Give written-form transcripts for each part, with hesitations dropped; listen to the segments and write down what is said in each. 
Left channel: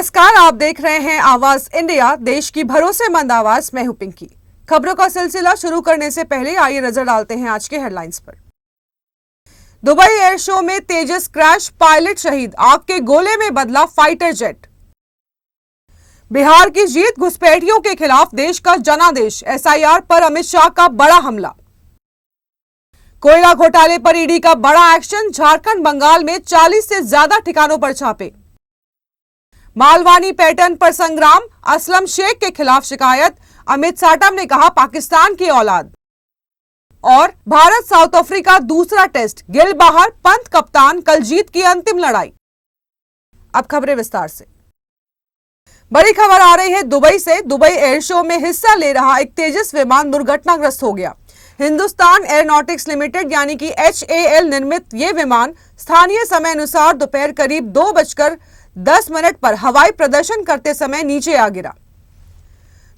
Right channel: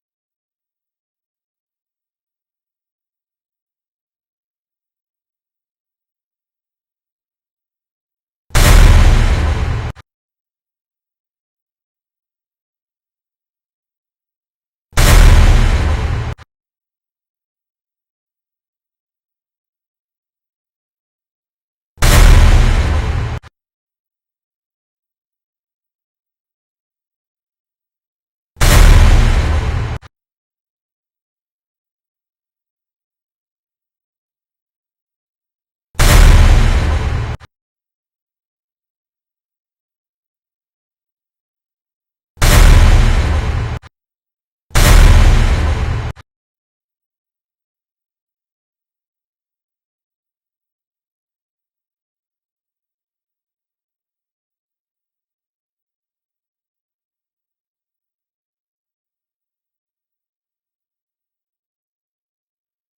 नमस्कार, आप देख रहे हैं आवाज इंडिया, देश की भरोसेमंद आवाज। मैं हूं पिंकी। खबरों का सिलसिला शुरू करने से पहले आइए नजर डालते हैं आज के हेडलाइंस पर। दुबई एयर शो में तेजस क्रैश, पायलट शहीद, आग के गोले में बदला फाइटर जेट। बिहार की जीत, घुसपैठियों के खिलाफ देश का जनादेश, एसआईआर पर अमित शाह का बड़ा हमला। कोयला घोटाले पर ईडी का बड़ा एक्शन, झारखंड बंगाल में 40 से ज्यादा ठिकानों पर छापे। मालवानी पैटर्न पर संग्राम, असलम शेख के खिलाफ शिकायत, अमित साटम ने कहा पाकिस्तान की औलाद। और भारत साउथ अफ्रीका दूसरा टेस्ट, गिल बाहर, पंत कप्तान, कल जीत की अंतिम लड़ाई। अब खबरें विस्तार से। बड़ी खबर आ रही है दुबई से। दुबई एयर शो में हिस्सा ले रहा एक तेजस विमान दुर्घटनाग्रस्त हो गया। हिंदुस्तान एरोनॉटिक्स लिमिटेड यानी कि HAL निर्मित ये विमान स्थानीय समय अनुसार दोपहर करीब 2:10 पर हवाई प्रदर्शन करते समय नीचे आ गिरा।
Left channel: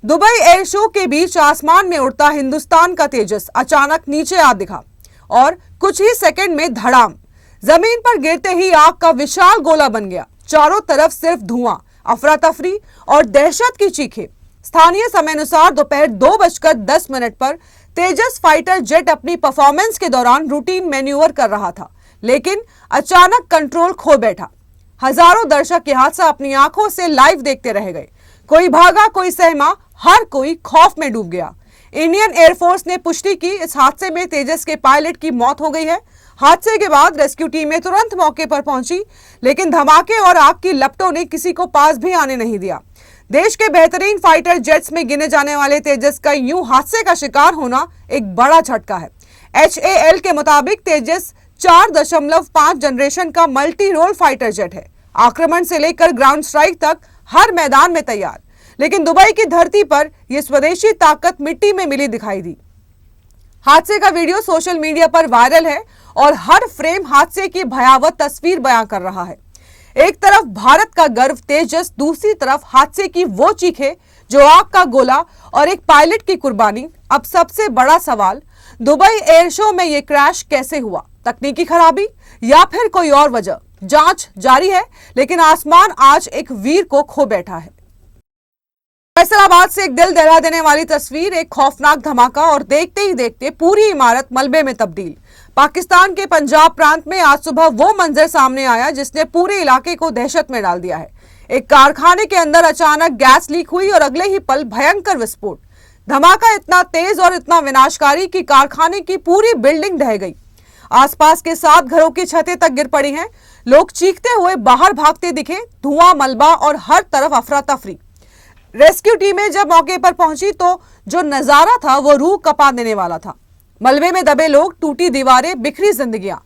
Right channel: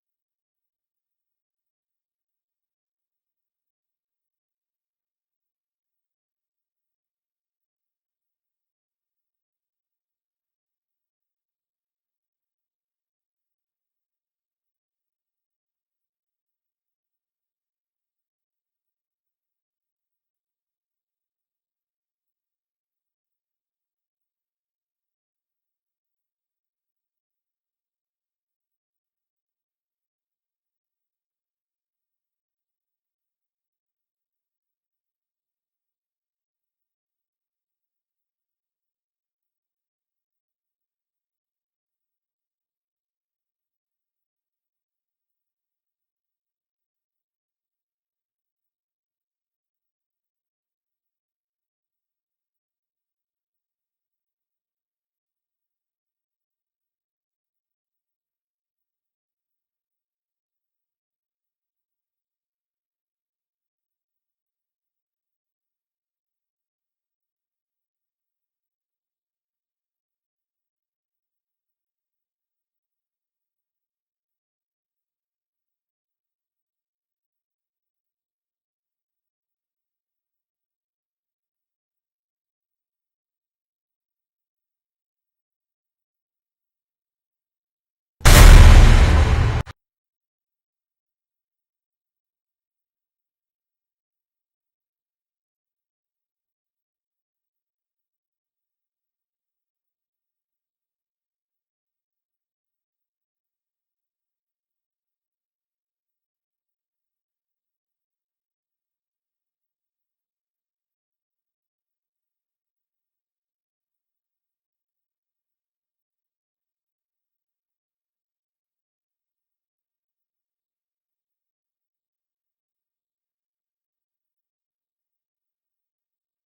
दुबई एयर शो के बीच आसमान में उड़ता हिंदुस्तान का तेजस अचानक नीचे आ दिखा और कुछ ही सेकंड में धड़ाम, जमीन पर गिरते ही आग का विशाल गोला बन गया। चारों तरफ सिर्फ धुआं, अफरा तफरी और दहशत की चीखें। स्थानीय समय अनुसार दोपहर 2:10 पर तेजस फाइटर जेट अपनी परफॉर्मेंस के दौरान रूटीन मैन्यूवर कर रहा था, लेकिन अचानक कंट्रोल खो बैठा। हजारों दर्शक ये हादसा अपनी आंखों से लाइव देखते रह गए। कोई भागा, कोई सहमा, हर कोई खौफ में डूब गया। इंडियन एयरफोर्स ने पुष्टि की, इस हादसे में तेजस के पायलट की मौत हो गई है। हादसे के बाद रेस्क्यू टीमें तुरंत मौके पर पहुंची, लेकिन धमाके और आग की लपटों ने किसी को पास भी आने नहीं दिया। देश के बेहतरीन फाइटर जेट्स में गिने जाने वाले तेजस का यूं हादसे का शिकार होना एक बड़ा झटका है। HAL के मुताबिक तेजस 4.5 जनरेशन का मल्टी रोल फाइटर जेट है। आक्रमण से लेकर ग्राउंड स्ट्राइक तक हर मैदान में तैयार। लेकिन दुबई की धरती पर यह स्वदेशी ताकत मिट्टी में मिली दिखाई दी। हादसे का वीडियो सोशल मीडिया पर वायरल है और हर फ्रेम हादसे की भयावह तस्वीर बयां कर रहा है। एक तरफ भारत का गर्व तेजस, दूसरी तरफ हादसे की वो चीखें, जो आग का गोला और एक पायलट की कुर्बानी। अब सबसे बड़ा सवाल, दुबई एयर शो में यह क्रैश कैसे हुआ? तकनीकी खराबी या फिर कोई और वजह? जांच जारी है, लेकिन आसमान आज एक वीर को खो बैठा है। फैसलाबाद से एक दिल दहला देने वाली तस्वीर, एक खौफनाक धमाका और देखते ही देखते पूरी इमारत मलबे में तब्दील। पाकिस्तान के पंजाब प्रांत में आज सुबह वो मंजर सामने आया जिसने पूरे इलाके को दहशत में डाल दिया है। एक कारखाने के अंदर अचानक गैस लीक हुई और अगले ही पल भयंकर विस्फोट। धमाका इतना तेज और इतना विनाशकारी कि कारखाने की पूरी बिल्डिंग ढह गई। आसपास के 7 घरों की छतें तक गिर पड़ी हैं। लोग चीखते हुए बाहर भागते दिखे, धुआं, मलबा और हर तरफ अफरा तफरी। रेस्क्यू टीमें जब मौके पर पहुंची तो जो नजारा था वो रूह कपा देने वाला था। मलबे में दबे लोग, टूटी दीवारें, बिखरी जिंदगियां।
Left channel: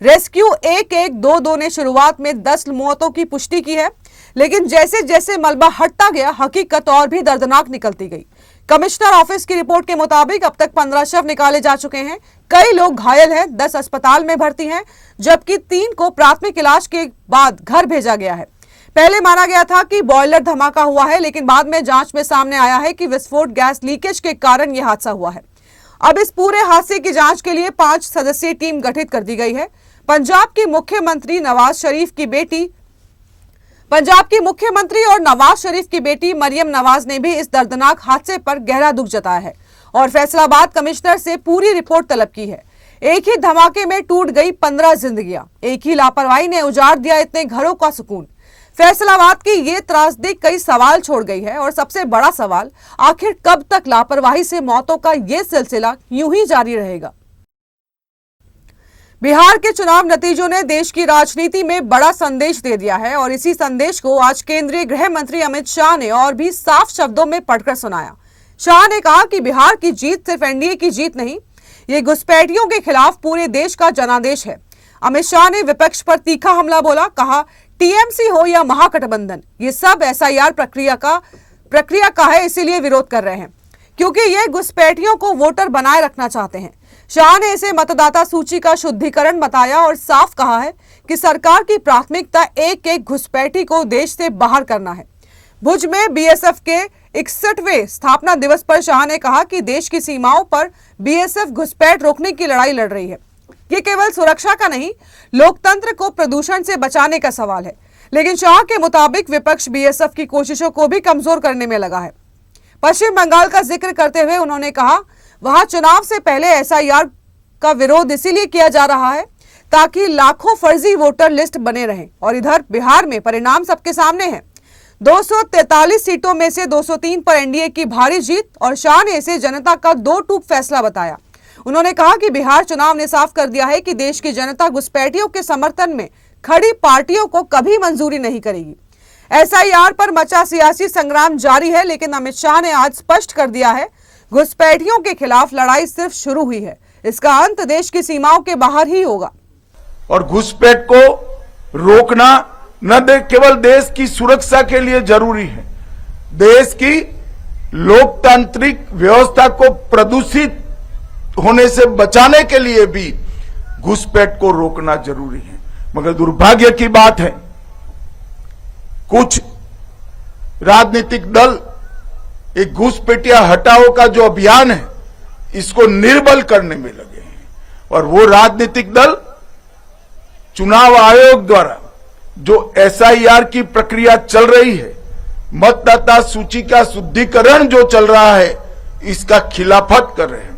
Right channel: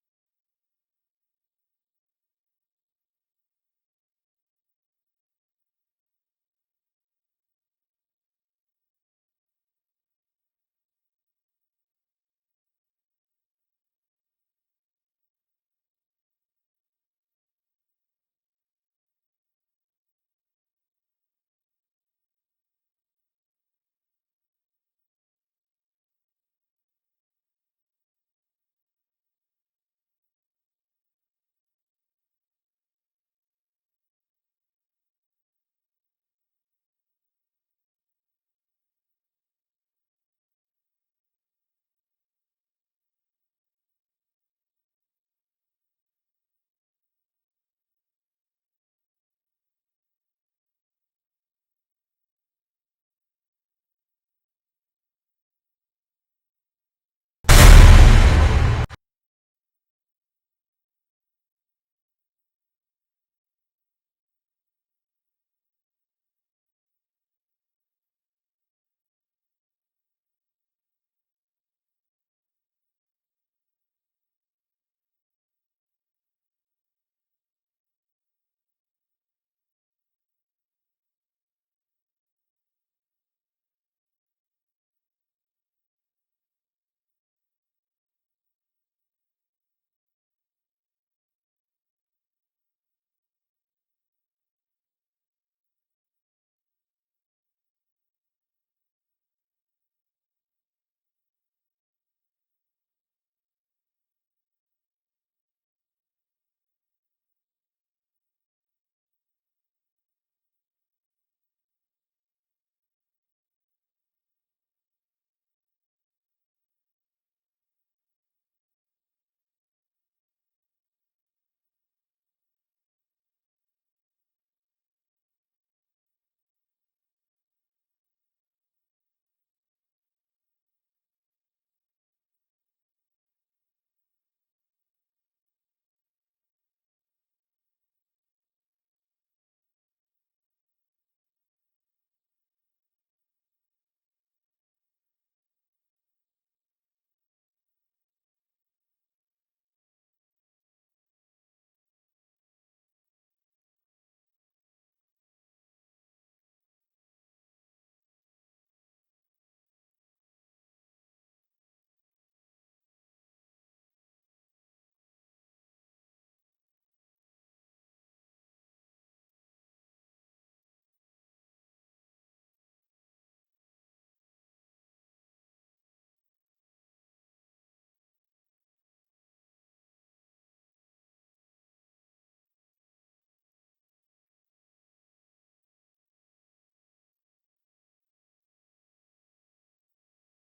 रेस्क्यू 1-1-2-2 ने शुरुआत में 10 मौतों की पुष्टि की है, लेकिन जैसे जैसे मलबा हटता गया हकीकत और भी दर्दनाक निकलती गई। कमिश्नर ऑफिस की रिपोर्ट के मुताबिक अब तक 15 शव निकाले जा चुके हैं। कई लोग घायल हैं, 10 अस्पताल में भर्ती हैं, जबकि 3 को प्राथमिक इलाज के बाद घर भेजा गया है। पहले माना गया था कि बॉयलर धमाका हुआ है, लेकिन बाद में जांच में सामने आया है कि विस्फोट गैस लीकेज के कारण यह हादसा हुआ है। अब इस पूरे हादसे की जांच के लिए 5 सदस्यीय टीम गठित कर दी गई है। पंजाब की मुख्यमंत्री और नवाज शरीफ की बेटी मरियम नवाज ने भी इस दर्दनाक हादसे पर गहरा दुख जताया है और फैसलाबाद कमिश्नर से पूरी रिपोर्ट तलब की है। एक ही धमाके में टूट गई 15 जिंदगियां, एक ही लापरवाही ने उजाड़ दिया इतने घरों का सुकून। फैसलाबाद की ये त्रासदी कई सवाल छोड़ गई है और सबसे बड़ा सवाल, आखिर कब तक लापरवाही से मौतों का ये सिलसिला यूं ही जारी रहेगा? बिहार के चुनाव नतीजों ने देश की राजनीति में बड़ा संदेश दे दिया है और इसी संदेश को आज केंद्रीय गृह मंत्री अमित शाह ने और भी साफ शब्दों में पढ़कर सुनाया। शाह ने कहा कि बिहार की जीत सिर्फ एनडीए की जीत नहीं, ये घुसपैठियों के खिलाफ पूरे देश का जनादेश है। अमित शाह ने विपक्ष पर तीखा हमला बोला, कहा टीएमसी हो या महागठबंधन, ये सब एसआईआर प्रक्रिया का है, इसीलिए विरोध कर रहे हैं क्योंकि ये घुसपैठियों को वोटर बनाए रखना चाहते हैं। शाह ने इसे मतदाता सूची का शुद्धिकरण बताया और साफ कहा है कि सरकार की प्राथमिकता एक एक घुसपैठी को देश से बाहर करना है। भुज में बीएसएफ के 61वें स्थापना दिवस पर शाह ने कहा कि देश की सीमाओं पर बीएसएफ घुसपैठ रोकने की लड़ाई लड़ रही है। ये केवल सुरक्षा का नहीं, लोकतंत्र को प्रदूषण से बचाने का सवाल है। लेकिन शाह के मुताबिक विपक्ष बीएसएफ की कोशिशों को भी कमजोर करने में लगा है। पश्चिम बंगाल का जिक्र करते हुए उन्होंने कहा, वहां चुनाव से पहले एसआईआर का विरोध इसीलिए किया जा रहा है ताकि लाखों फर्जी वोटर लिस्ट बने रहें, और इधर बिहार में परिणाम सबके सामने है। 243 सीटों में से 203 पर एनडीए की भारी जीत, और शाह ने इसे जनता का दो टूक फैसला बताया। उन्होंने कहा कि बिहार चुनाव ने साफ कर दिया है कि देश की जनता घुसपैठियों के समर्थन में खड़ी पार्टियों को कभी मंजूरी नहीं करेगी। एसआईआर पर मचा सियासी संग्राम जारी है, लेकिन अमित शाह ने आज स्पष्ट कर दिया है, घुसपैठियों के खिलाफ लड़ाई सिर्फ शुरू हुई है, इसका अंत देश की सीमाओं के बाहर ही होगा। और घुसपैठ को रोकना न केवल देश की सुरक्षा के लिए जरूरी है, देश की लोकतांत्रिक व्यवस्था को प्रदूषित होने से बचाने के लिए भी घुसपैठ को रोकना जरूरी है। मगर दुर्भाग्य की बात है, कुछ राजनीतिक दल एक घुसपैठिया हटाओ का जो अभियान है इसको निर्बल करने में लगे हैं, और वो राजनीतिक दल चुनाव आयोग द्वारा जो एसआईआर की प्रक्रिया चल रही है, मतदाता सूची का शुद्धिकरण जो चल रहा है, इसका खिलाफत कर रहे हैं।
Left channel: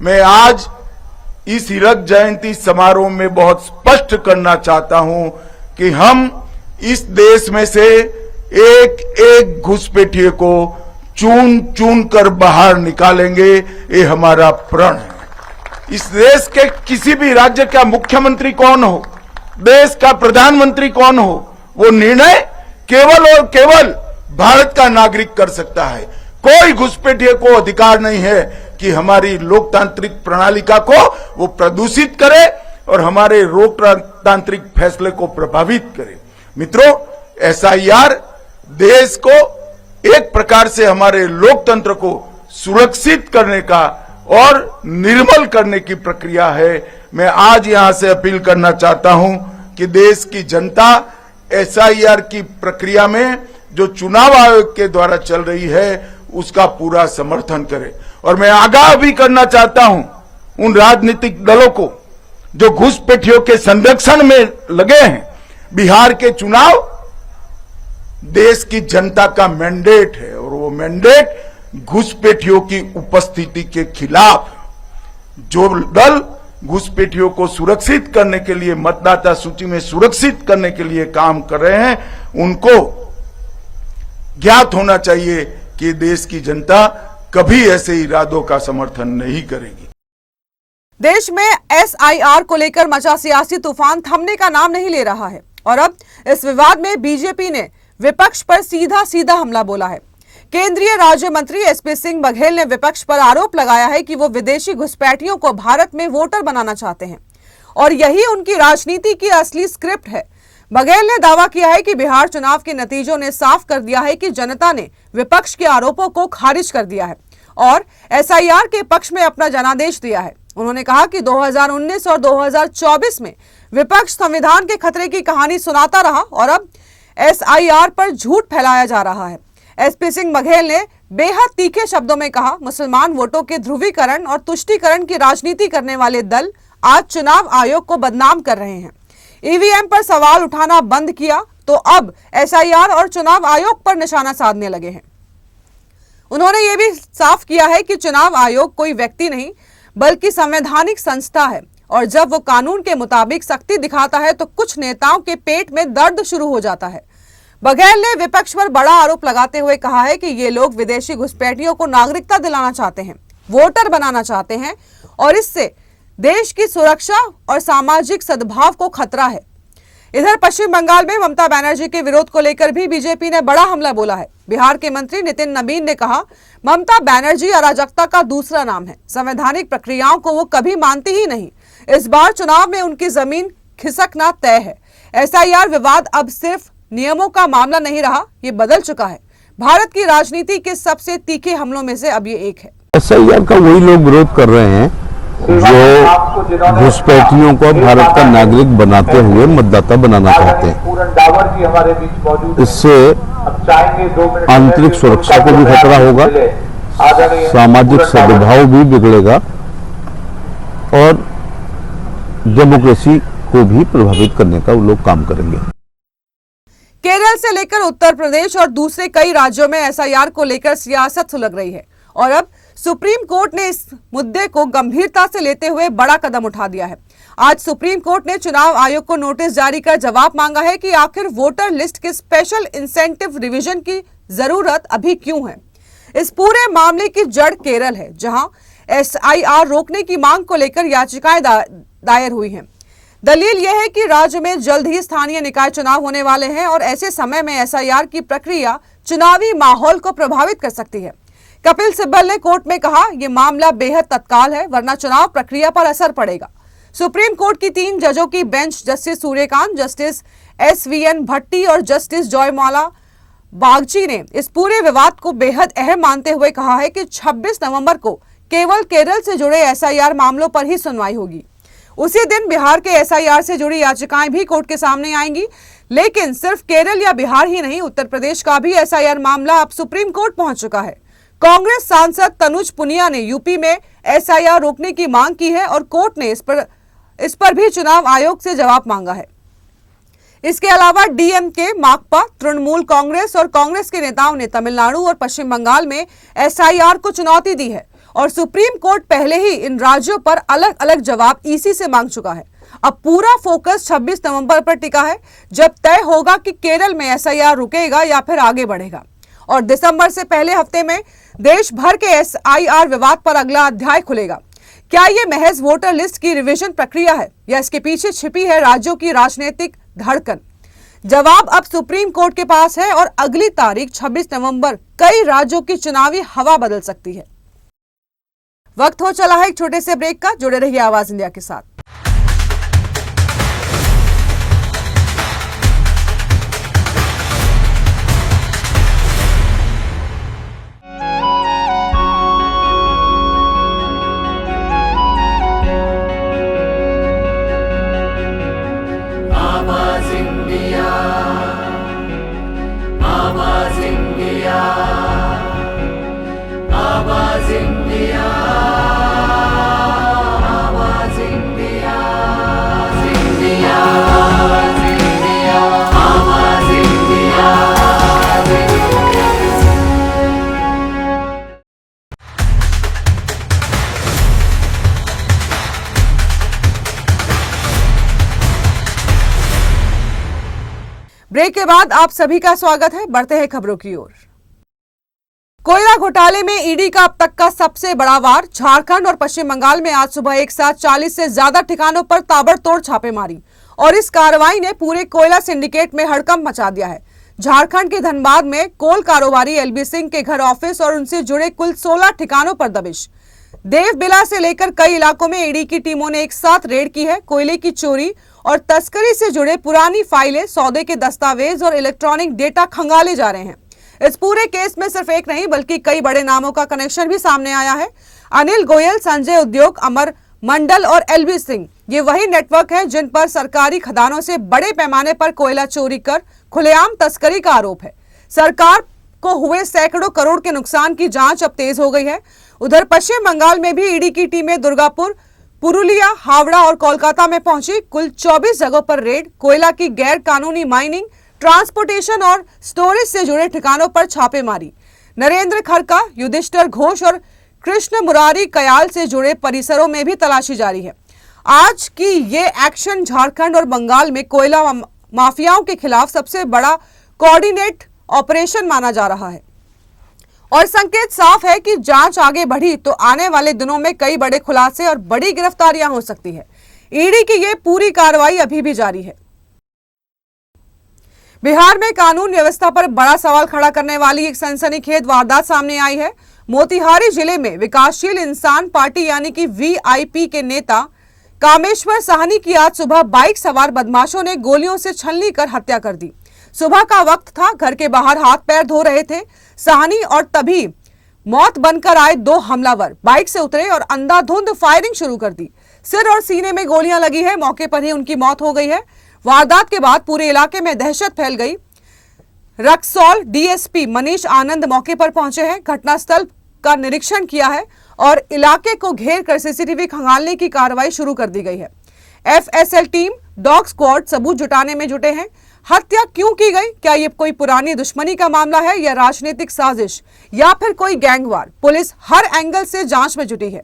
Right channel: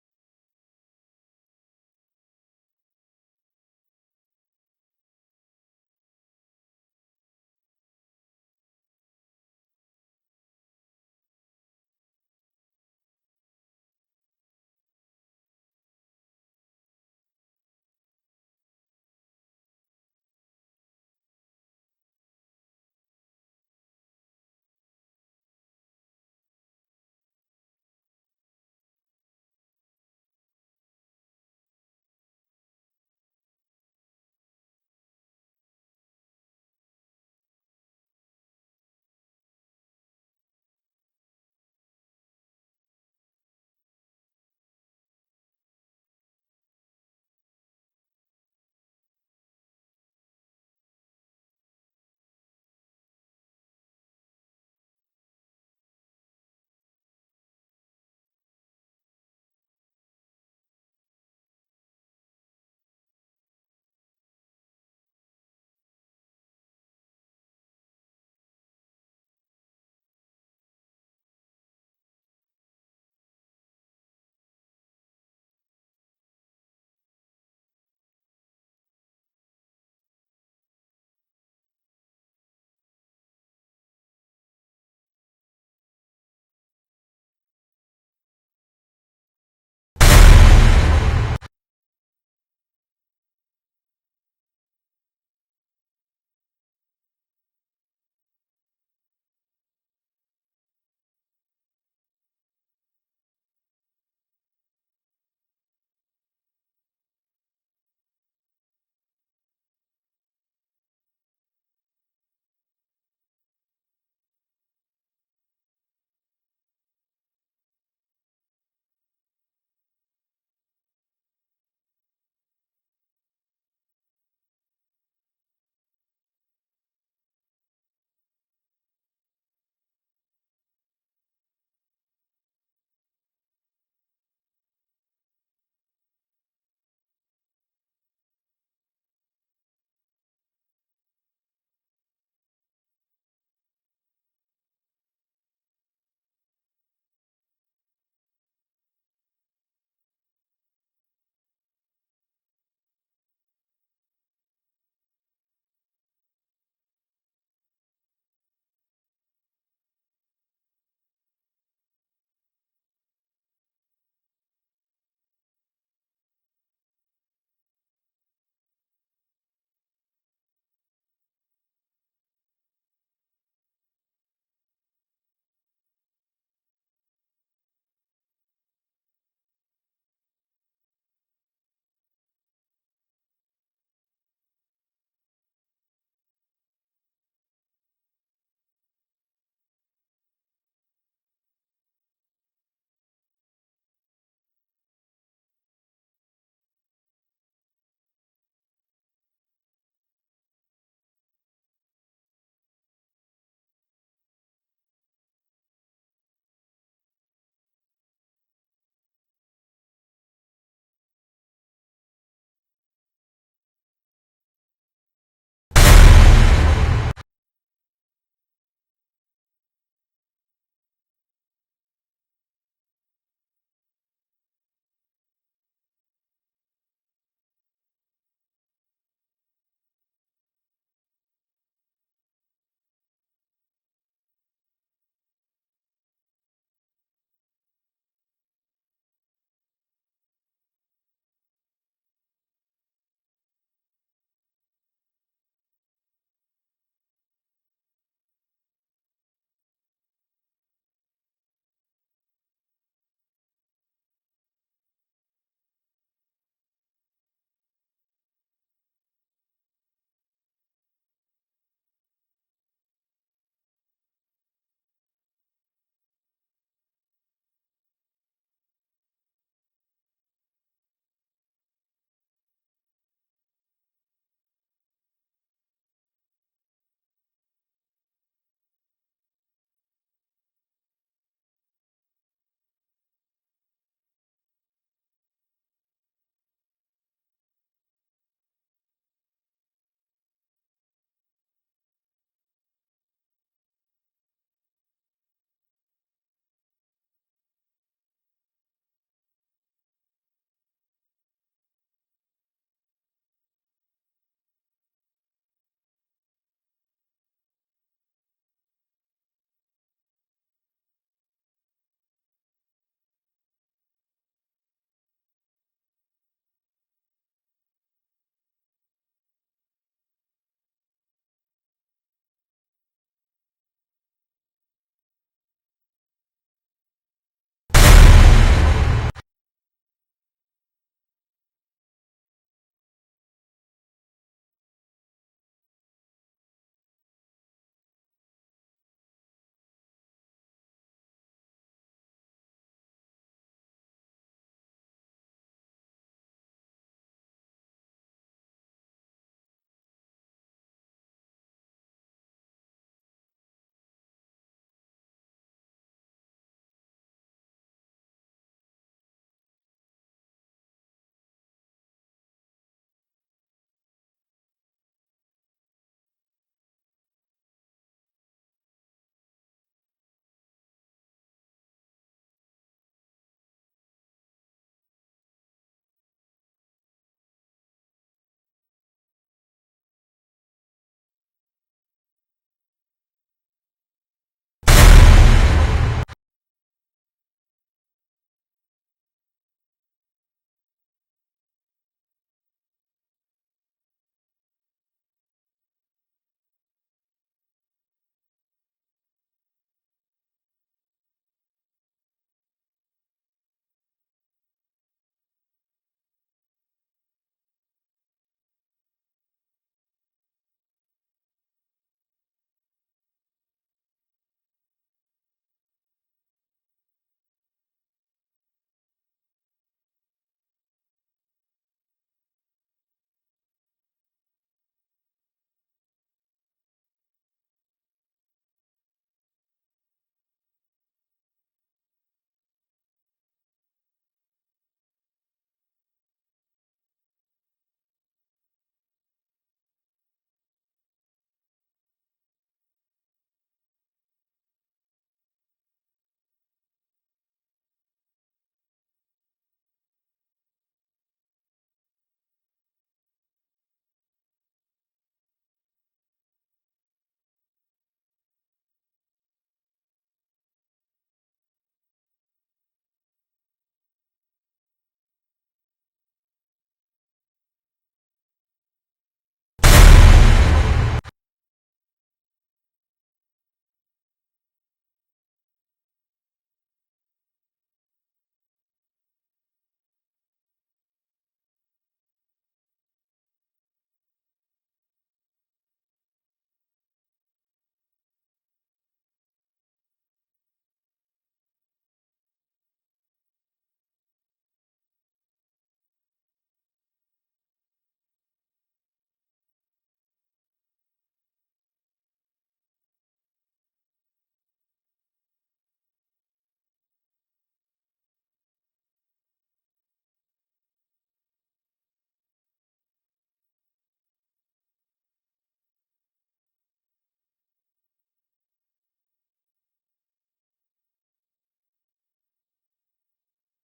मैं आज इस हीरक जयंती समारोह में बहुत स्पष्ट करना चाहता हूं कि हम इस देश में से एक एक घुसपैठिए को चुन चुन कर बाहर निकालेंगे, ये हमारा प्रण है। इस देश के किसी भी राज्य का मुख्यमंत्री कौन हो, देश का प्रधानमंत्री कौन हो, वो निर्णय केवल और केवल भारत का नागरिक कर सकता है। कोई घुसपैठिए को अधिकार नहीं है कि हमारी लोकतांत्रिक प्रणालिका को वो प्रदूषित करे और हमारे लोकतांत्रिक फैसले को प्रभावित करे। मित्रों, एसआईआर देश को एक प्रकार से हमारे लोकतंत्र को सुरक्षित करने का और निर्मल करने की प्रक्रिया है। मैं आज यहां से अपील करना चाहता हूं कि देश की जनता एसआईआर की प्रक्रिया में जो चुनाव आयोग के द्वारा चल रही है उसका पूरा समर्थन करे। और मैं आगाह भी करना चाहता हूं उन राजनीतिक दलों को जो घुसपैठियों के संरक्षण में लगे हैं। बिहार के चुनाव देश की जनता का मैंडेट है, और वो मैंडेट घुसपैठियों की उपस्थिति के खिलाफ। जो दल घुसपैठियों को सुरक्षित करने के लिए, मतदाता सूची में सुरक्षित करने के लिए काम कर रहे हैं, उनको ज्ञात होना चाहिए कि देश की जनता कभी ऐसे इरादों का समर्थन नहीं करेगी। देश में एसआईआर को लेकर मचा सियासी तूफान थमने का नाम नहीं ले रहा है, और अब इस विवाद में बीजेपी ने विपक्ष पर सीधा सीधा हमला बोला है। केंद्रीय राज्य मंत्री एसपी सिंह बघेल ने विपक्ष पर आरोप लगाया है कि वो विदेशी घुसपैठियों को भारत में वोटर बनाना चाहते हैं, और यही उनकी राजनीति की असली स्क्रिप्ट है। बघेल ने दावा किया है कि बिहार चुनाव के नतीजों ने साफ कर दिया है कि जनता ने विपक्ष के आरोपों को खारिज कर दिया है और एसआईआर के पक्ष में अपना जनादेश दिया है। उन्होंने कहा कि 2019 और 2024 में विपक्ष संविधान के खतरे की कहानी सुनाता रहा, और अब एसआईआर पर झूठ फैलाया जा रहा है। एसपी सिंह बघेल ने बेहद तीखे शब्दों में कहा, मुसलमान वोटों के ध्रुवीकरण और तुष्टीकरण की राजनीति करने वाले दल आज चुनाव आयोग को बदनाम कर रहे हैं। ईवीएम पर सवाल उठाना बंद किया तो अब एसआईआर और चुनाव आयोग पर निशाना साधने लगे हैं। उन्होंने ये भी साफ किया है कि चुनाव आयोग कोई व्यक्ति नहीं बल्कि संवैधानिक संस्था है, और जब वो कानून के मुताबिक सख्ती दिखाता है तो कुछ नेताओं के पेट में दर्द शुरू हो जाता है। बघेल ने विपक्ष पर बड़ा आरोप लगाते हुए कहा है कि ये लोग विदेशी घुसपैठियों को नागरिकता दिलाना चाहते हैं, वोटर बनाना चाहते हैं, और इससे देश की सुरक्षा और सामाजिक सद्भाव को खतरा है। इधर पश्चिम बंगाल में ममता बनर्जी के विरोध को लेकर भी बीजेपी ने बड़ा हमला बोला है। बिहार के मंत्री नितिन नबीन ने कहा, ममता बनर्जी अराजकता का दूसरा नाम है, संवैधानिक प्रक्रियाओं को वो कभी मानती ही नहीं। इस बार चुनाव में उनकी जमीन खिसकना तय है। एसआईआर विवाद अब सिर्फ नियमों का मामला नहीं रहा, ये बदल चुका है। भारत की राजनीति के सबसे तीखे हमलों में से अब ये एक है। एसआईआर का वही लोग विरोध कर रहे हैं जो घुसपैठियों को भारत का नागरिक बनाते हुए मतदाता बनाना चाहते हैं। इससे आंतरिक सुरक्षा को भी खतरा होगा, सामाजिक सद्भाव भी बिगड़ेगा और डेमोक्रेसी को भी प्रभावित करने का वो लोग काम करेंगे। केरल से लेकर उत्तर प्रदेश और दूसरे कई राज्यों में एसआईआर को लेकर सियासत सुलग रही है और अब सुप्रीम कोर्ट ने इस मुद्दे को गंभीरता से लेते हुए बड़ा कदम उठा दिया है। आज सुप्रीम कोर्ट ने चुनाव आयोग को नोटिस जारी कर जवाब मांगा है कि आखिर वोटर लिस्ट के स्पेशल इंसेंटिव रिवीजन की जरूरत अभी क्यों है। इस पूरे मामले की जड़ केरल है, जहां एसआईआर रोकने की मांग को लेकर याचिकाएं दायर हुई हैं। दलील यह है कि राज्य में जल्द ही स्थानीय निकाय चुनाव होने वाले हैं और ऐसे समय में एसआईआर की प्रक्रिया चुनावी माहौल को प्रभावित कर सकती है। कपिल सिब्बल ने कोर्ट में कहा, यह मामला बेहद तत्काल है, वरना चुनाव प्रक्रिया पर असर पड़ेगा। सुप्रीम कोर्ट की 3 जजों की bench justice Surya Kant, justice SVN Bhatti और जस्टिस जयमाला बागची ने इस पूरे विवाद को बेहद अहम मानते हुए कहा है कि 26 नवंबर को केवल केरल से जुड़े एसआईआर मामलों पर ही सुनवाई होगी। उसी दिन बिहार के एसआईआर से जुड़ी याचिकाएं भी कोर्ट के सामने आएंगी। लेकिन सिर्फ केरल या बिहार ही नहीं, उत्तर प्रदेश का भी एसआईआर मामला अब सुप्रीम कोर्ट पहुंच चुका है। कांग्रेस सांसद तनुज पुनिया ने यूपी में एसआईआर रोकने की मांग की है और कोर्ट ने इस पर भी चुनाव आयोग से जवाब मांगा है। इसके अलावा डीएमके, माकपा, तृणमूल कांग्रेस और कांग्रेस के नेताओं ने तमिलनाडु और पश्चिम बंगाल में एसआईआर को चुनौती दी है और सुप्रीम कोर्ट पहले ही इन राज्यों पर अलग अलग जवाब ईसी से मांग चुका है। अब पूरा फोकस 26 नवंबर पर टिका है, जब तय होगा कि केरल में एसआईआर रुकेगा या फिर आगे बढ़ेगा। और दिसंबर से पहले हफ्ते में देश भर के एसआईआर विवाद पर अगला अध्याय खुलेगा। क्या ये महज वोटर लिस्ट की रिवीजन प्रक्रिया है या इसके पीछे छिपी है राज्यों की राजनीतिक धड़कन? जवाब अब सुप्रीम कोर्ट के पास है और अगली तारीख 26 नवंबर कई राज्यों की चुनावी हवा बदल सकती है। वक्त हो चला है एक छोटे से ब्रेक का। जुड़े रहिए आवाज इंडिया के साथ। ब्रेक के बाद आप सभी का स्वागत है। बढ़ते हैं खबरों की ओर। कोयला घोटाले में ईडी का अब तक का सबसे बड़ा वार। झारखंड और पश्चिम बंगाल में आज सुबह एक साथ 40 से ज्यादा ठिकानों पर ताबड़तोड़ छापेमारी और इस कार्रवाई ने पूरे कोयला सिंडिकेट में हड़कंप मचा दिया है। झारखंड के धनबाद में कोल कारोबारी एलबी सिंह के घर, ऑफिस और उनसे जुड़े कुल 16 ठिकानों पर दबिश। देवबिला से लेकर कई इलाकों में ईडी की टीमों ने एक साथ रेड की है। कोयले की चोरी और तस्करी से जुड़े पुरानी फाइलें, सौदे के दस्तावेज और इलेक्ट्रॉनिक डेटा खंगाले जा रहे हैं। इस पूरे केस में सिर्फ एक नहीं बल्कि कई बड़े नामों का कनेक्शन भी सामने आया है। अनिल गोयल, संजय उद्योग, अमर मंडल और एलबी सिंह, ये वही नेटवर्क है जिन पर सरकारी खदानों से बड़े पैमाने पर कोयला चोरी कर खुलेआम तस्करी का आरोप है। सरकार को हुए सैकड़ों करोड़ के नुकसान की जांच अब तेज हो गई है। उधर पश्चिम बंगाल में भी ईडी की टीमें दुर्गापुर, पुरुलिया, हावड़ा और कोलकाता में पहुंची। कुल 24 जगहों पर रेड, कोयला की गैर कानूनी माइनिंग, ट्रांसपोर्टेशन और स्टोरेज से जुड़े ठिकानों पर छापेमारी। नरेंद्र खरका, युधिष्ठिर घोष और कृष्ण मुरारी कयाल से जुड़े परिसरों में भी तलाशी जारी है। आज की ये एक्शन झारखंड और बंगाल में कोयला माफियाओं के खिलाफ सबसे बड़ा कोऑर्डिनेट ऑपरेशन माना जा रहा है और संकेत साफ है कि जांच आगे बढ़ी तो आने वाले दिनों में कई बड़े खुलासे और बड़ी गिरफ्तारियां हो सकती है। ईडी की ये पूरी कार्रवाई अभी भी जारी है। बिहार में कानून व्यवस्था पर बड़ा सवाल खड़ा करने वाली एक सनसनीखेज वारदात सामने आई है। मोतिहारी जिले में विकासशील इंसान पार्टी यानी कि वीआईपी के नेता कामेश्वर साहनी की आज सुबह बाइक सवार बदमाशों ने गोलियों से छलनी कर हत्या कर दी। सुबह का वक्त था, घर के बाहर हाथ पैर धो रहे थे साहनी और तभी मौत बनकर आए 2 हमलावर बाइक से उतरे और अंधाधुंध फायरिंग शुरू कर दी। सिर और सीने में गोलियां लगी है। मौके पर ही उनकी मौत हो गई है। वारदात के बाद पूरे इलाके में दहशत फैल गई। रक्सौल डीएसपी मनीष आनंद मौके पर पहुंचे हैं, घटनास्थल का निरीक्षण किया है और इलाके को घेर कर सीसीटीवी खंगालने की कार्रवाई शुरू कर दी गई है। एफएसएल टीम, डॉग स्क्वाड सबूत जुटाने में जुटे हैं। हत्या क्यों की गई? क्या ये कोई पुरानी दुश्मनी का मामला है या राजनीतिक साजिश या फिर कोई गैंगवार? पुलिस हर एंगल से जांच में जुटी है।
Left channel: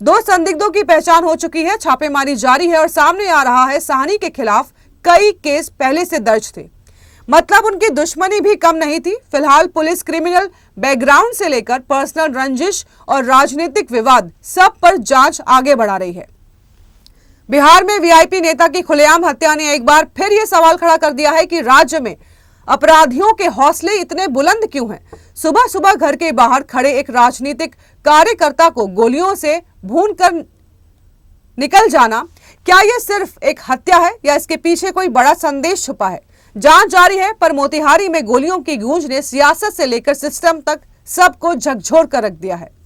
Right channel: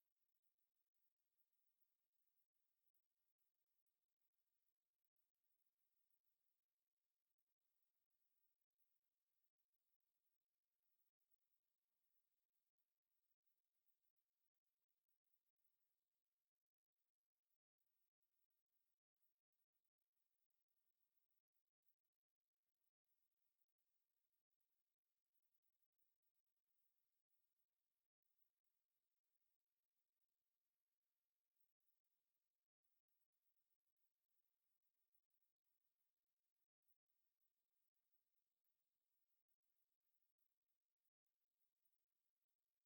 2 संदिग्धों की पहचान हो चुकी है, छापेमारी जारी है और सामने आ रहा है साहनी के खिलाफ कई केस पहले से दर्ज थे। मतलब उनकी दुश्मनी भी कम नहीं थी। फिलहाल पुलिस क्रिमिनल बैकग्राउंड से लेकर पर्सनल रंजिश और राजनीतिक विवाद सब पर जांच आगे बढ़ा रही है। बिहार में वीआईपी नेता की खुलेआम हत्या ने एक बार फिर यह सवाल खड़ा कर दिया है कि राज्य में अपराधियों के हौसले इतने बुलंद क्यों हैं? सुबह सुबह घर के बाहर खड़े एक राजनीतिक कार्यकर्ता को गोलियों से भून कर निकल जाना, क्या यह सिर्फ एक हत्या है या इसके पीछे कोई बड़ा संदेश छुपा है? जांच जारी है, पर मोतिहारी में गोलियों की गूंज ने सियासत से लेकर सिस्टम तक सबको झकझोर कर रख दिया है।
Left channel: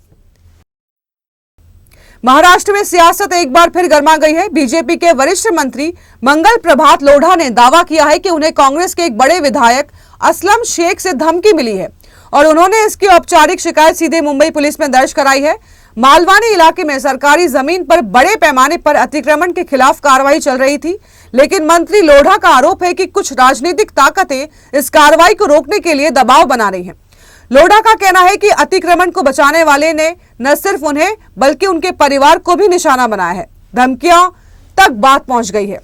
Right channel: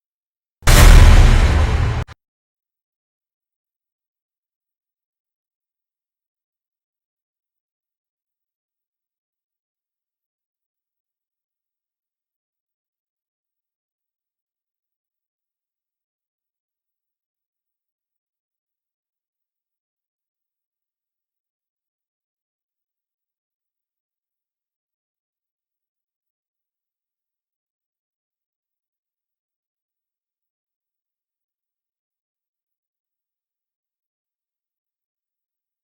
महाराष्ट्र में सियासत एक बार फिर गर्मा गई है। बीजेपी के वरिष्ठ मंत्री मंगल प्रभात लोढ़ा ने दावा किया है कि उन्हें कांग्रेस के एक बड़े विधायक असलम शेख से धमकी मिली है और उन्होंने इसकी औपचारिक शिकायत सीधे मुंबई पुलिस में दर्ज कराई है। मालवानी इलाके में सरकारी जमीन पर बड़े पैमाने पर अतिक्रमण के खिलाफ कार्रवाई चल रही थी, लेकिन मंत्री लोढ़ा का आरोप है कि कुछ राजनीतिक ताकतें इस कार्रवाई को रोकने के लिए दबाव बना रही हैं। लोढ़ा का कहना है कि अतिक्रमण को बचाने वाले ने न सिर्फ उन्हें बल्कि उनके परिवार को भी निशाना बनाया है। धमकियों तक बात पहुंच गई है।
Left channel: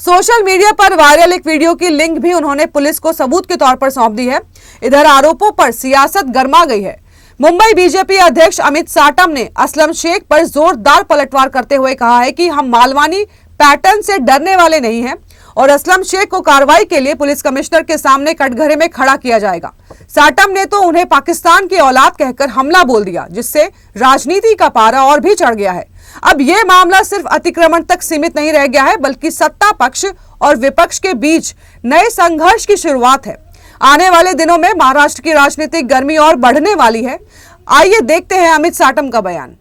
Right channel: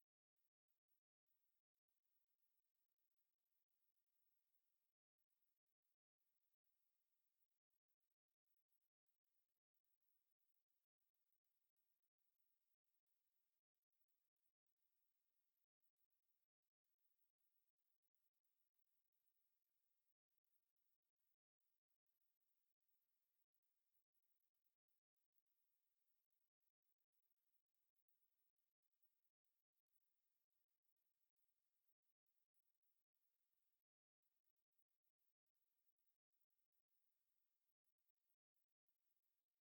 सोशल मीडिया पर वायरल एक वीडियो की लिंक भी उन्होंने पुलिस को सबूत के तौर पर सौंप दी है। इधर आरोपों पर सियासत गर्मा गई है। मुंबई बीजेपी अध्यक्ष अमित साटम ने असलम शेख पर जोरदार पलटवार करते हुए कहा है कि हम मालवानी पैटर्न से डरने वाले नहीं हैं और असलम शेख को कार्रवाई के लिए पुलिस कमिश्नर के सामने कटघरे में खड़ा किया जाएगा। साटम ने तो उन्हें पाकिस्तान की औलाद कहकर हमला बोल दिया, जिससे राजनीति का पारा और भी चढ़ गया है। अब यह मामला सिर्फ अतिक्रमण तक सीमित नहीं रह गया है, बल्कि सत्ता पक्ष और विपक्ष के बीच नए संघर्ष की शुरुआत है। आने वाले दिनों में महाराष्ट्र की राजनीतिक गर्मी और बढ़ने वाली है। आइए देखते हैं अमित साटम का बयान।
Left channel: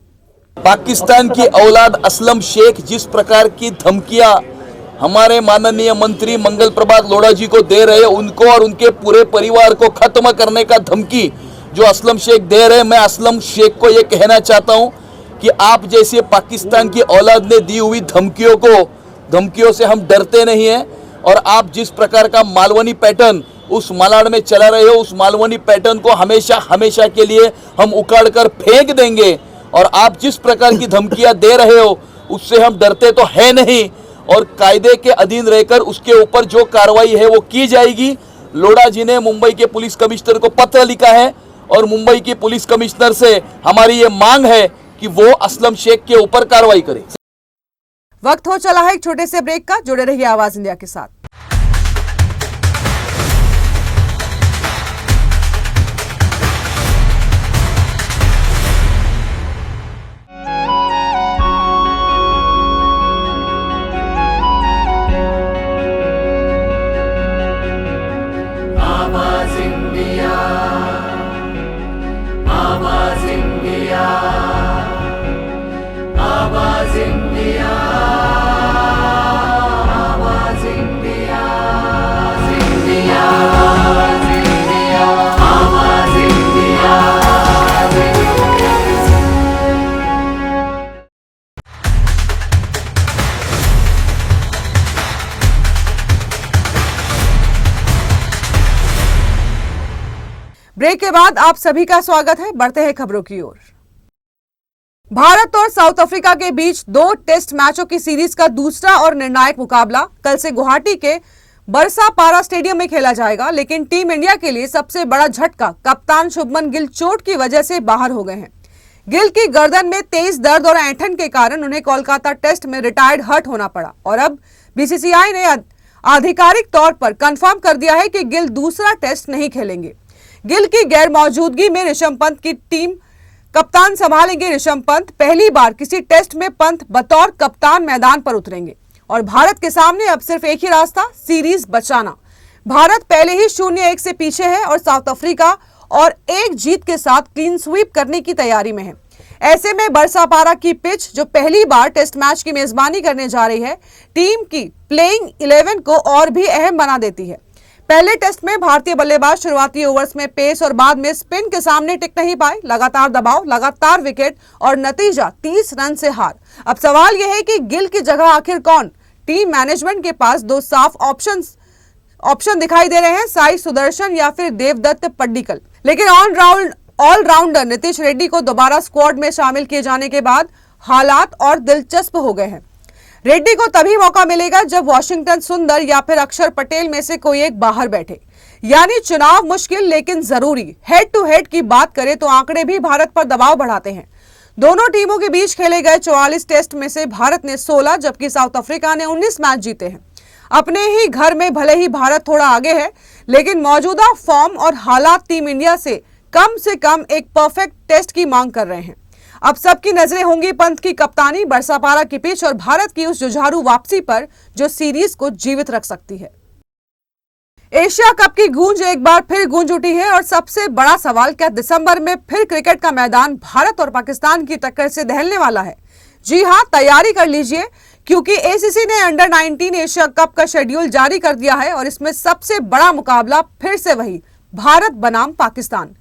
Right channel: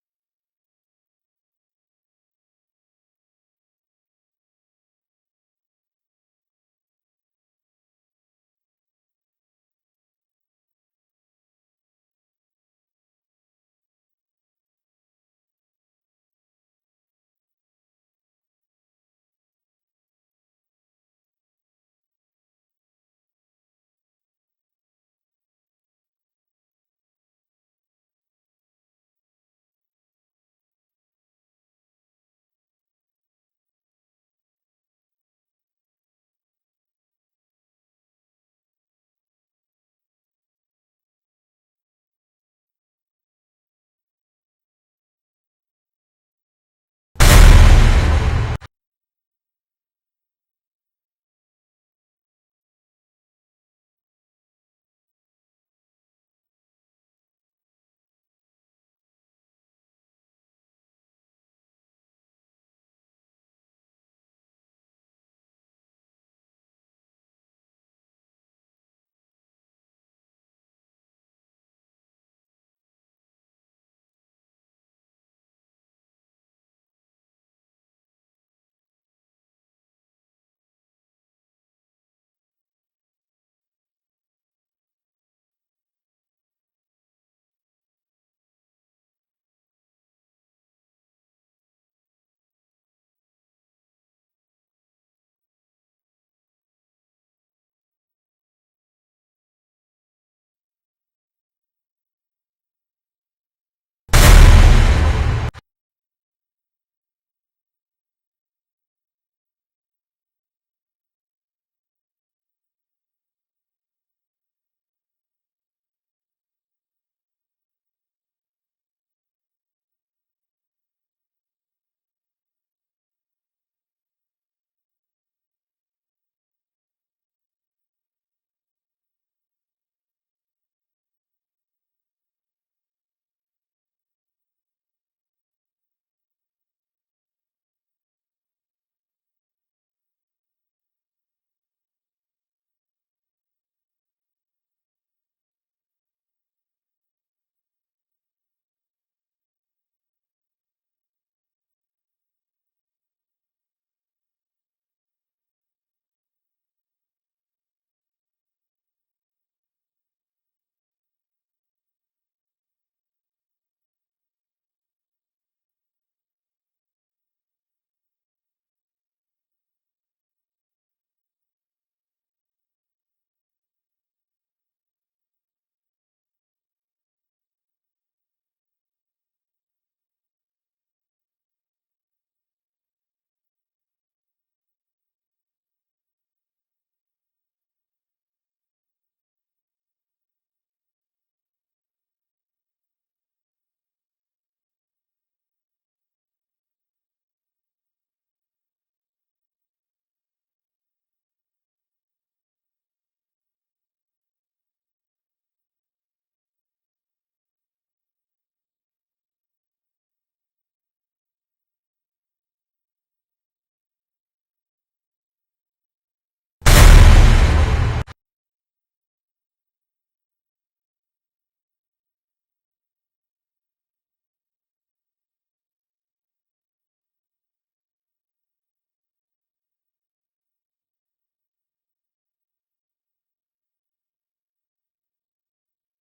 पाकिस्तान की औलाद असलम शेख जिस प्रकार की धमकियां हमारे माननीय मंत्री मंगल प्रभात लोढ़ा जी को दे रहे, उनको और उनके पूरे परिवार को खत्म करने का धमकी जो असलम शेख दे रहे, मैं असलम शेख को ये कहना चाहता हूं कि आप जैसे पाकिस्तान की औलाद ने दी हुई धमकियों से हम डरते नहीं हैं और आप जिस प्रकार का मालवनी पैटर्न उस मालाड में चला रहे हो, उस मालवनी पैटर्न को हमेशा के लिए हम उखाड़ कर फेंक देंगे और आप जिस प्रकार की धमकियां दे रहे हो उससे हम डरते तो है नहीं और कायदे के अधीन रहकर उसके ऊपर जो कार्रवाई है वो की जाएगी। लोढ़ा जी ने मुंबई के पुलिस कमिश्नर को पत्र लिखा है और मुंबई के पुलिस कमिश्नर से हमारी ये मांग है कि वो असलम शेख के ऊपर कार्रवाई करे। वक्त हो चला है एक छोटे से ब्रेक का। जुड़े रहिए आवाज इंडिया के साथ। ब्रेक के बाद आप सभी का स्वागत है। बढ़ते हैं खबरों की ओर। भारत और साउथ अफ्रीका के बीच 2 टेस्ट मैचों की सीरीज का दूसरा और निर्णायक मुकाबला कल से गुवाहाटी के बरसापारा स्टेडियम में खेला जाएगा, लेकिन टीम इंडिया के लिए सबसे बड़ा झटका कप्तान शुभमन गिल चोट की वजह से बाहर हो गए हैं। गिल की गर्दन में तेज दर्द और ऐंठन के कारण उन्हें कोलकाता टेस्ट में रिटायर्ड हर्ट होना पड़ा और अब बीसीसीआई ने आधिकारिक तौर पर कंफर्म कर दिया है कि गिल दूसरा टेस्ट नहीं खेलेंगे। गिल की गैर मौजूदगी में ऋषभ पंत की टीम कप्तान संभालेंगे। ऋषभ पंत पहली बार किसी टेस्ट में पंत बतौर कप्तान मैदान पर उतरेंगे और भारत के सामने अब सिर्फ एक ही रास्ता, सीरीज बचाना। भारत पहले ही 0-1 से पीछे है और साउथ अफ्रीका और एक जीत के साथ क्लीन स्वीप करने की तैयारी में है। ऐसे में बरसापारा की पिच जो पहली बार टेस्ट मैच की मेजबानी करने जा रही है, टीम की प्लेइंग 11 को और भी अहम बना देती है। पहले टेस्ट में भारतीय बल्लेबाज शुरुआती ओवर्स में पेस और बाद में स्पिन के सामने टिक नहीं पाए। लगातार दबाव, लगातार विकेट और नतीजा 30 रन से हार। अब सवाल यह है कि गिल की जगह आखिर कौन? टीम मैनेजमेंट के पास 2 साफ ऑप्शंस ऑप्शन दिखाई दे रहे हैं साई सुदर्शन या फिर देवदत्त पड्डीकल। लेकिन ऑलराउंडर नीतीश रेड्डी को दोबारा स्क्वाड में शामिल किए जाने के बाद हालात और दिलचस्प हो गए हैं। रेड्डी को तभी मौका मिलेगा जब वॉशिंगटन सुंदर या फिर अक्षर पटेल में से कोई एक बाहर बैठे। यानी चुनाव मुश्किल लेकिन जरूरी। हेड टू हेड की बात करें तो आंकड़े भी भारत पर दबाव बढ़ाते हैं। दोनों टीमों के बीच खेले गए 44 टेस्ट में से भारत ने 16 जबकि साउथ अफ्रीका ने 19 मैच जीते हैं। अपने ही घर में भले ही भारत थोड़ा आगे है, लेकिन मौजूदा फॉर्म और हालात टीम इंडिया से कम एक परफेक्ट टेस्ट की मांग कर रहे हैं। अब सबकी नजरें होंगी पंत की कप्तानी, बरसापारा की पिच और भारत की उस जुझारू वापसी पर जो सीरीज को जीवित रख सकती है। एशिया कप की गूंज एक बार फिर गूंज उठी है और सबसे बड़ा सवाल, क्या दिसंबर में फिर क्रिकेट का मैदान भारत और पाकिस्तान की टक्कर से दहलने वाला है? जी हां, तैयारी कर लीजिए क्योंकि एसीसी ने अंडर 19 एशिया कप का शेड्यूल जारी कर दिया है और इसमें सबसे बड़ा मुकाबला फिर से वही भारत बनाम पाकिस्तान।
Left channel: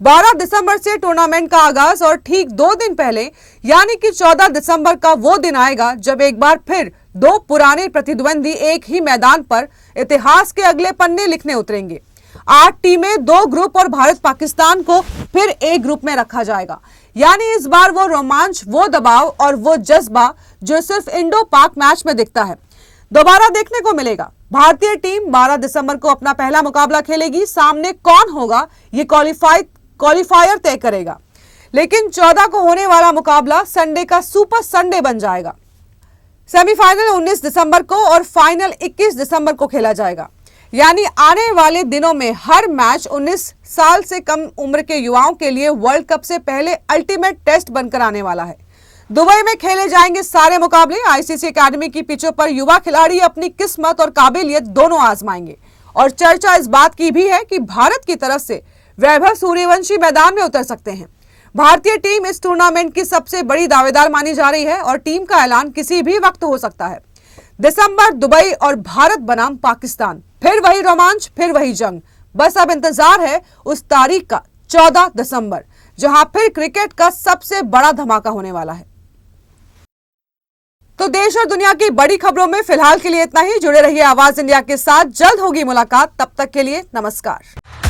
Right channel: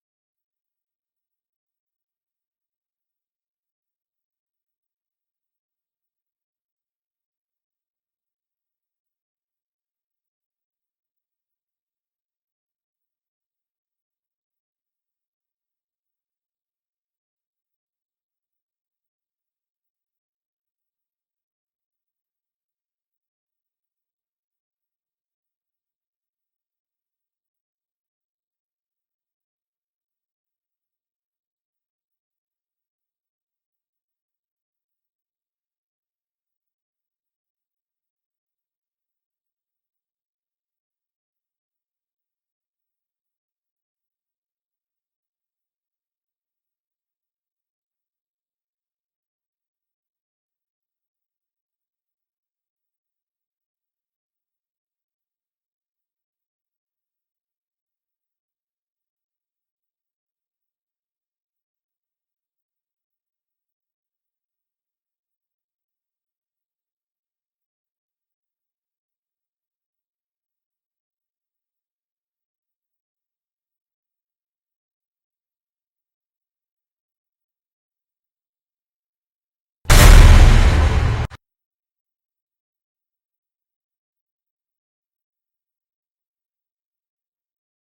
12 दिसंबर से टूर्नामेंट का आगाज और ठीक 2 दिन पहले यानी कि 14 दिसंबर का वो दिन आएगा जब एक बार फिर दो पुराने प्रतिद्वंदी एक ही मैदान पर इतिहास के अगले पन्ने लिखने उतरेंगे। 8 टीमें, 2 ग्रुप और भारत पाकिस्तान को फिर एक ग्रुप में रखा जाएगा। यानी इस बार वो रोमांच, वो दबाव और वो जज्बा जो सिर्फ इंडो पाक मैच में दिखता है, दोबारा देखने को मिलेगा। भारतीय टीम 12 दिसंबर को अपना पहला मुकाबला खेलेगी। सामने कौन होगा ये क्वालिफायर तय करेगा, लेकिन 14 को होने वाला मुकाबला संडे का सुपर संडे बन जाएगा। सेमीफाइनल 19 दिसंबर को और फाइनल 21 दिसंबर को खेला जाएगा। यानी आने वाले दिनों में हर मैच 19 साल से कम उम्र के युवाओं के लिए वर्ल्ड कप से पहले अल्टीमेट टेस्ट बनकर आने वाला है। दुबई में खेले जाएंगे सारे मुकाबले। आईसीसी एकेडमी की पिचों पर युवा खिलाड़ी अपनी किस्मत और काबिलियत दोनों आजमाएंगे। और चर्चा इस बात की भी है कि भारत की तरफ से वैभव सूर्यवंशी मैदान में उतर सकते हैं। भारतीय टीम इस टूर्नामेंट की सबसे बड़ी दावेदार मानी जा रही है और टीम का ऐलान किसी भी वक्त हो सकता है। दिसंबर, दुबई और भारत बनाम पाकिस्तान, फिर वही रोमांच, फिर वही जंग। बस अब इंतजार है उस तारीख का, 14 दिसंबर, जहां फिर क्रिकेट का सबसे बड़ा धमाका होने वाला है। तो देश और दुनिया की बड़ी खबरों में फिलहाल के लिए इतना ही। जुड़े रहिए आवाज इंडिया के साथ, जल्द होगी मुलाकात। तब तक के लिए नमस्कार।